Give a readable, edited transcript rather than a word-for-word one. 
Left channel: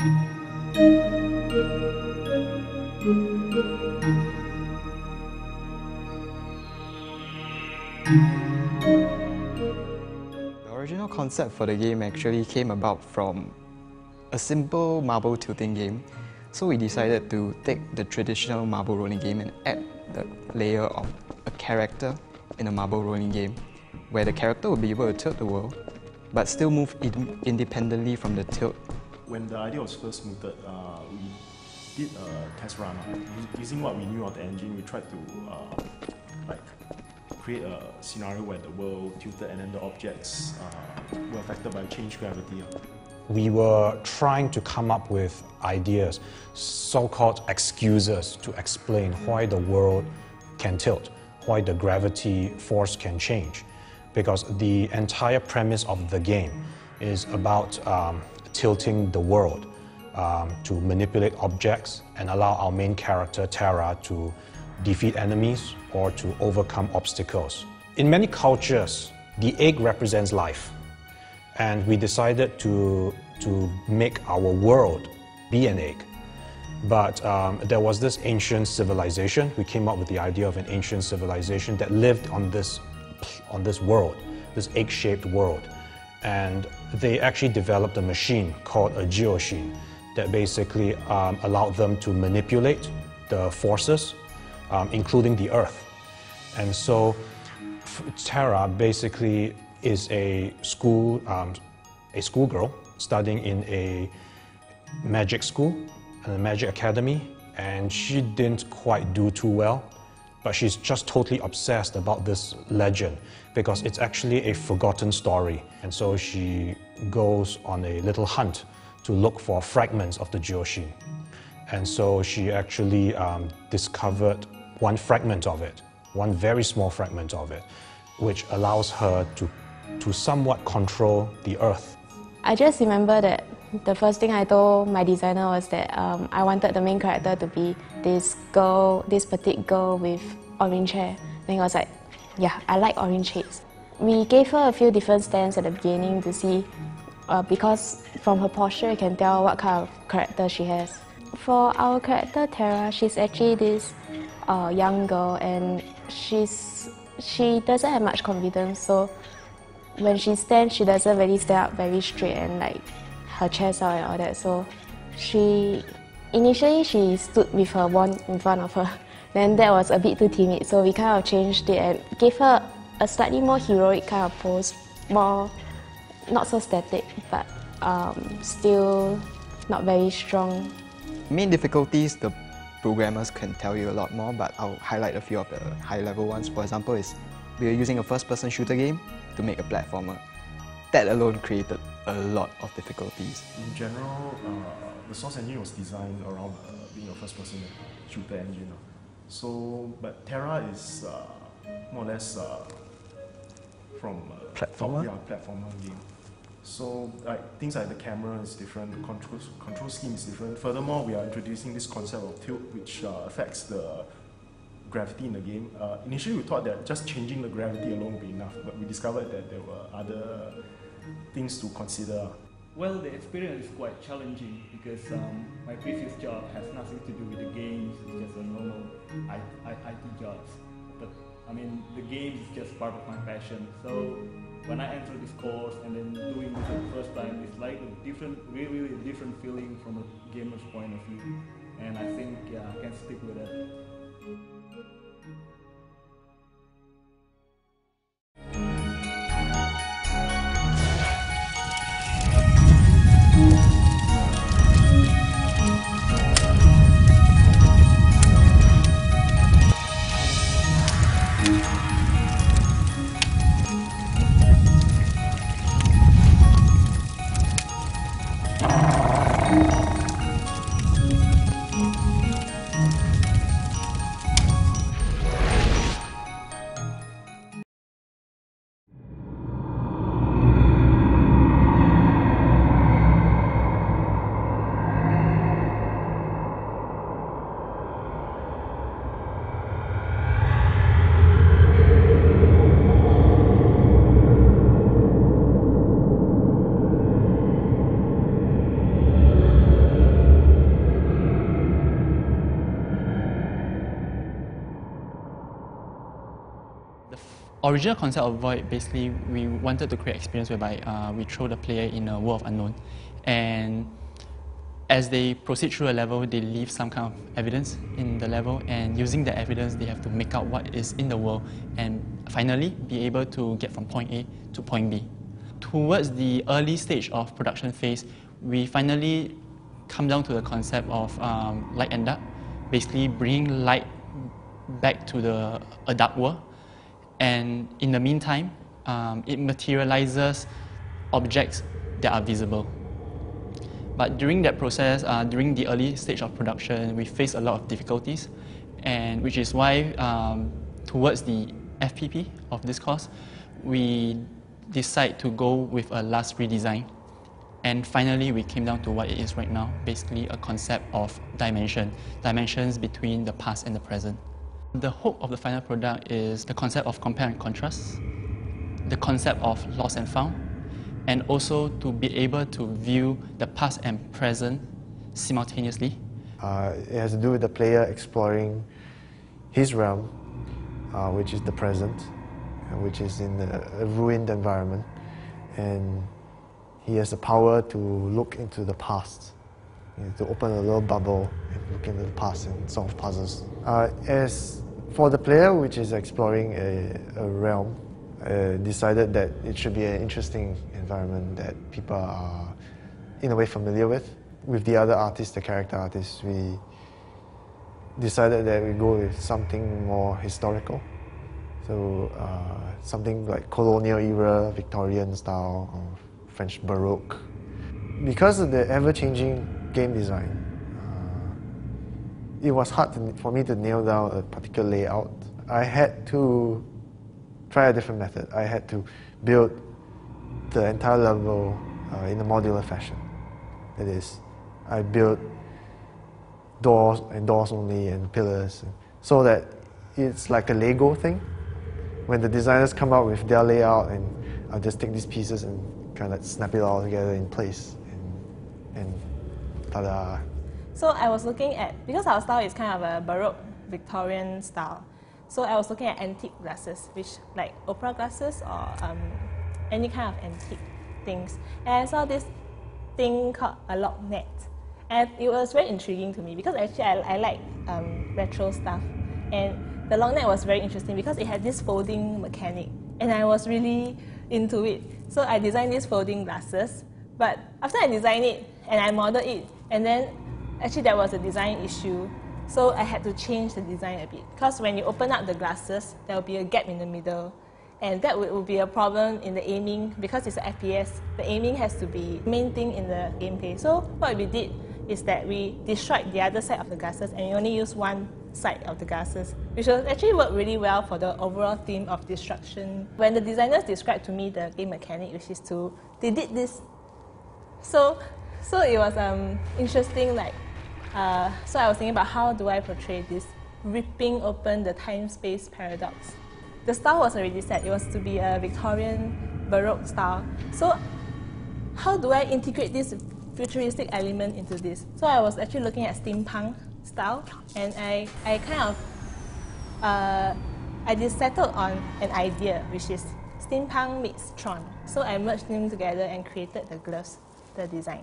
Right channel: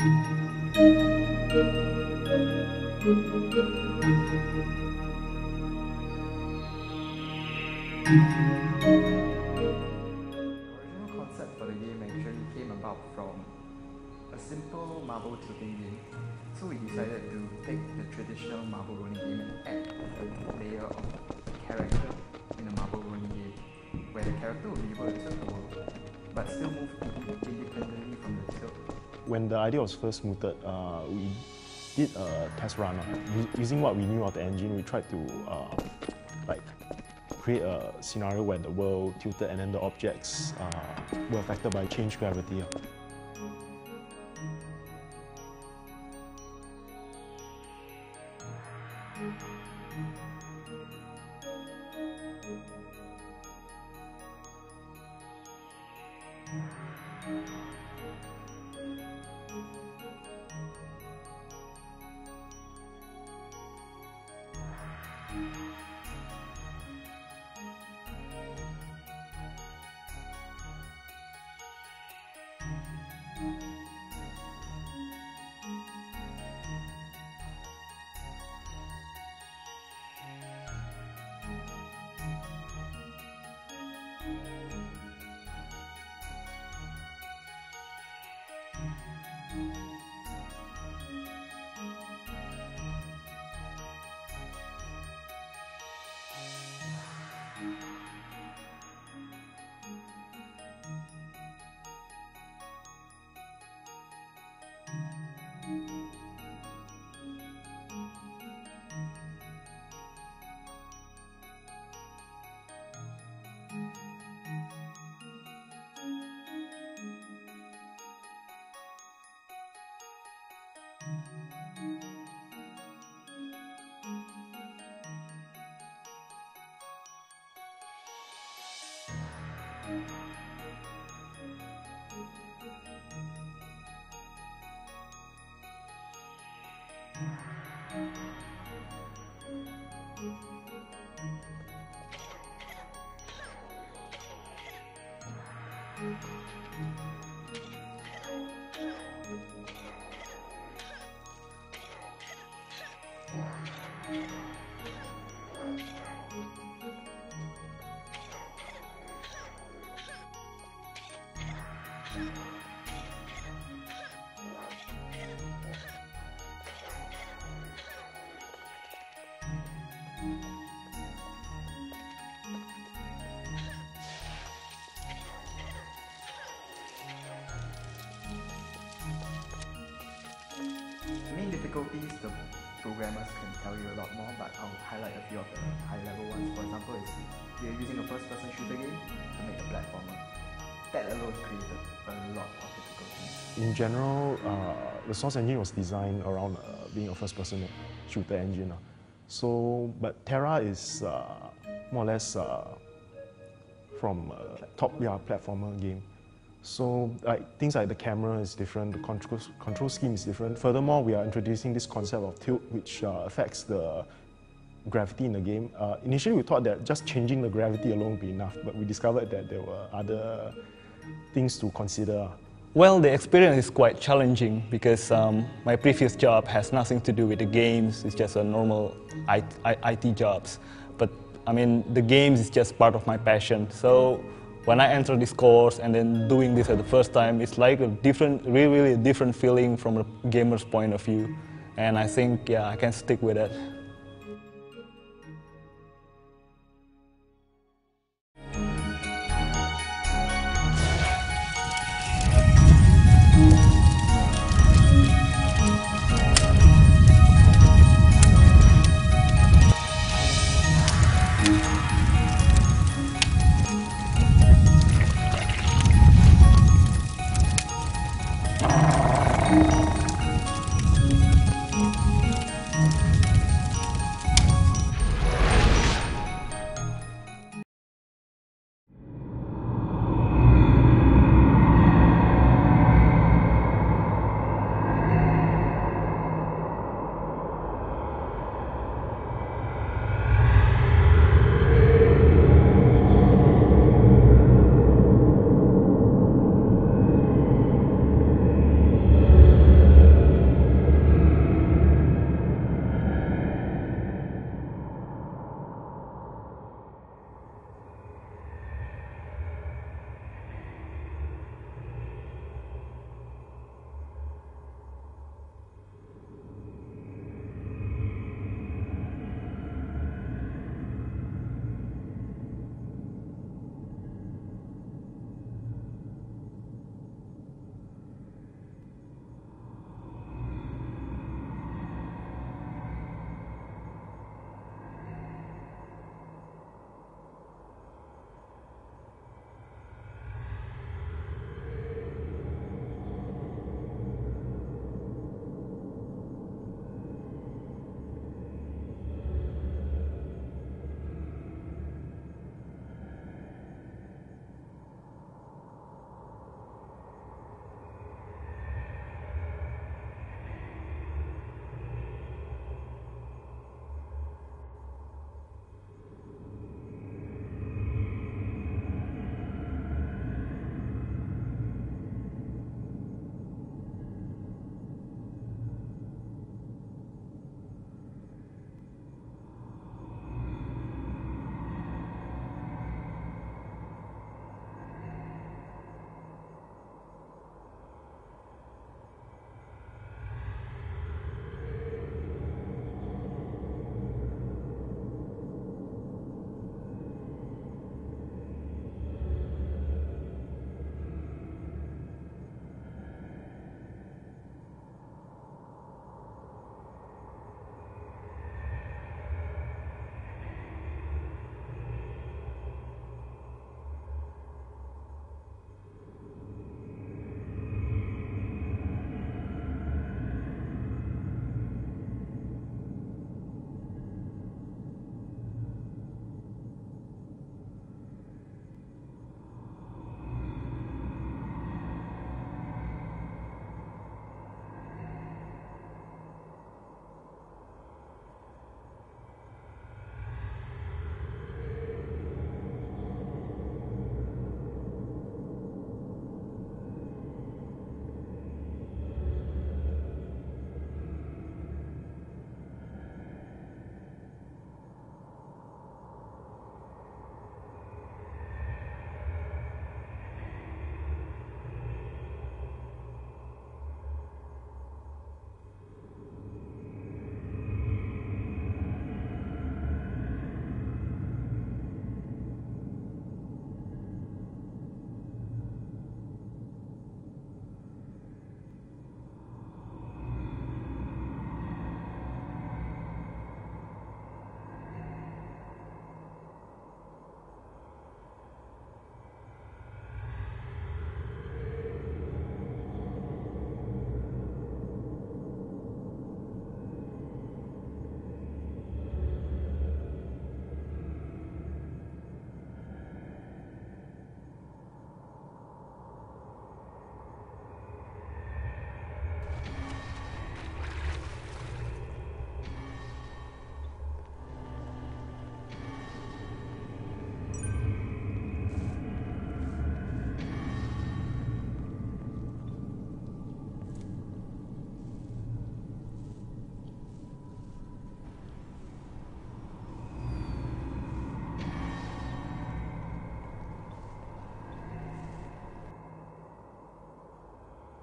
The original concept for the game actually came about from a simple marble tilting game. So we decided to take the traditional marble rolling game and add the layer of a character in a marble rolling game, where the character would be able to tilt the world, but still move independently from the tilt. When the idea was first mooted, we did a test run. Using what we knew of the engine, we tried to create a scenario where the world tilted and then the objects were affected by changed gravity. We were trying to come up with ideas, so-called excuses to explain why the world can tilt, why the gravity force can change. Because the entire premise of the game is about tilting the world to manipulate objects and allow our main character, Terra, to defeat enemies or to overcome obstacles. In many cultures, the egg represents life. And we decided to make our world be an egg. But there was this ancient civilization. We came up with the idea of an ancient civilization that lived on this world, this egg-shaped world. And they actually developed a machine called a geoshine that basically allowed them to manipulate the forces, including the earth. And so Terra basically is a schoolgirl studying in a magic school, a magic academy, and she didn't quite do too well, but she's just totally obsessed about this legend because it's actually a forgotten story. And so she goes on a little hunt to look for fragments of the geoshine. And so she actually discovered one fragment of it, one very small fragment of it, which allows her to somewhat control the earth. I just remember that the first thing I told my designer was that I wanted the main character to be this girl, this petite girl with orange hair. Then I was like, yeah, I like orange shades. We gave her a few different stands at the beginning to see, because from her posture you can tell what kind of character she has. For our character Terra, she's actually this young girl, and she doesn't have much confidence, so when she stands, she doesn't really stand up very straight and like her chest out and all that. So initially she stood with her wand in front of her. Then that was a bit too timid, so we kind of changed it and gave her a slightly more heroic kind of pose, more not so static, but still not very strong. Main difficulties, the programmers can tell you a lot more, but I'll highlight a few of the high-level ones. For example, we are using a first-person shooter game to make a platformer. That alone created a lot of difficulties. In general, the source engine was designed around being a first-person shooter engine. But Terra is more or less from platformer game. So things like the camera is different, the control scheme is different. Furthermore, we are introducing this concept of tilt, which affects the gravity in the game. Initially, we thought that just changing the gravity alone would be enough, but we discovered that there were other things to consider. Well, the experience is quite challenging because my previous job has nothing to do with the games. It's just a normal IT jobs. But I mean, the games is just part of my passion. So when I enter this course and then doing this at the first time, it's like a different, really a different feeling from a gamer's point of view. And I think, yeah, I can stick with it. Original concept of Void, basically, we wanted to create experience whereby we throw the player in a world of unknown, and as they proceed through a level, they leave some kind of evidence in the level, and using the evidence, they have to make out what is in the world, and finally be able to get from point A to point B. Towards the early stage of production phase, we finally come down to the concept of light and dark, basically bringing light back to a dark world. And in the meantime, it materializes objects that are visible. But during that process, during the early stage of production, we faced a lot of difficulties, and which is why towards the FPP of this course, we decide to go with a last redesign. And finally, we came down to what it is right now, basically a concept of dimensions between the past and the present. The hope of the final product is the concept of compare and contrast, the concept of lost and found, and also to be able to view the past and present simultaneously. It has to do with the player exploring his realm, which is the present, which is in a ruined environment, and he has the power to look into the past, to open a little bubble and look into the past and solve puzzles. As for the player, which is exploring a realm, decided that it should be an interesting environment that people are in a way familiar with. With the other artists, the character artists, we decided that we go with something more historical. So something like colonial era, Victorian style, or French Baroque. Because of the ever-changing game design, it was hard for me to nail down a particular layout. I had to try a different method. I had to build the entire level in a modular fashion. That is, I built doors and doors only and pillars, so that it's like a Lego thing. When the designers come out with their layout, and I'll just take these pieces and kind of snap it all together in place, and ta-da. So I was looking at, because our style is kind of a Baroque Victorian style, so I was looking at antique glasses, which like opera glasses or any kind of antique things. And I saw this thing called a lock net, and it was very intriguing to me because actually I like retro stuff, and the lock net was very interesting because it had this folding mechanic, and I was really into it. So I designed these folding glasses, but after I designed it and I modeled it, and then actually there was a design issue, so I had to change the design a bit. Because when you open up the glasses, there will be a gap in the middle, and that will be a problem in the aiming. Because it's an FPS, the aiming has to be the main thing in the gameplay. So what we did is that we destroyed the other side of the glasses, and we only used one side of the glasses, which will actually work really well for the overall theme of destruction. When the designers described to me the game mechanic, which is they did this. So it was interesting, like, so I was thinking about how do I portray this, ripping open the time-space paradox. The style was already set, it was to be a Victorian Baroque style. So how do I integrate this futuristic element into this? So I was actually looking at steampunk style, and I kind of, I just settled on an idea, which is steampunk meets Tron. So I merged them together and created the gloves, the design.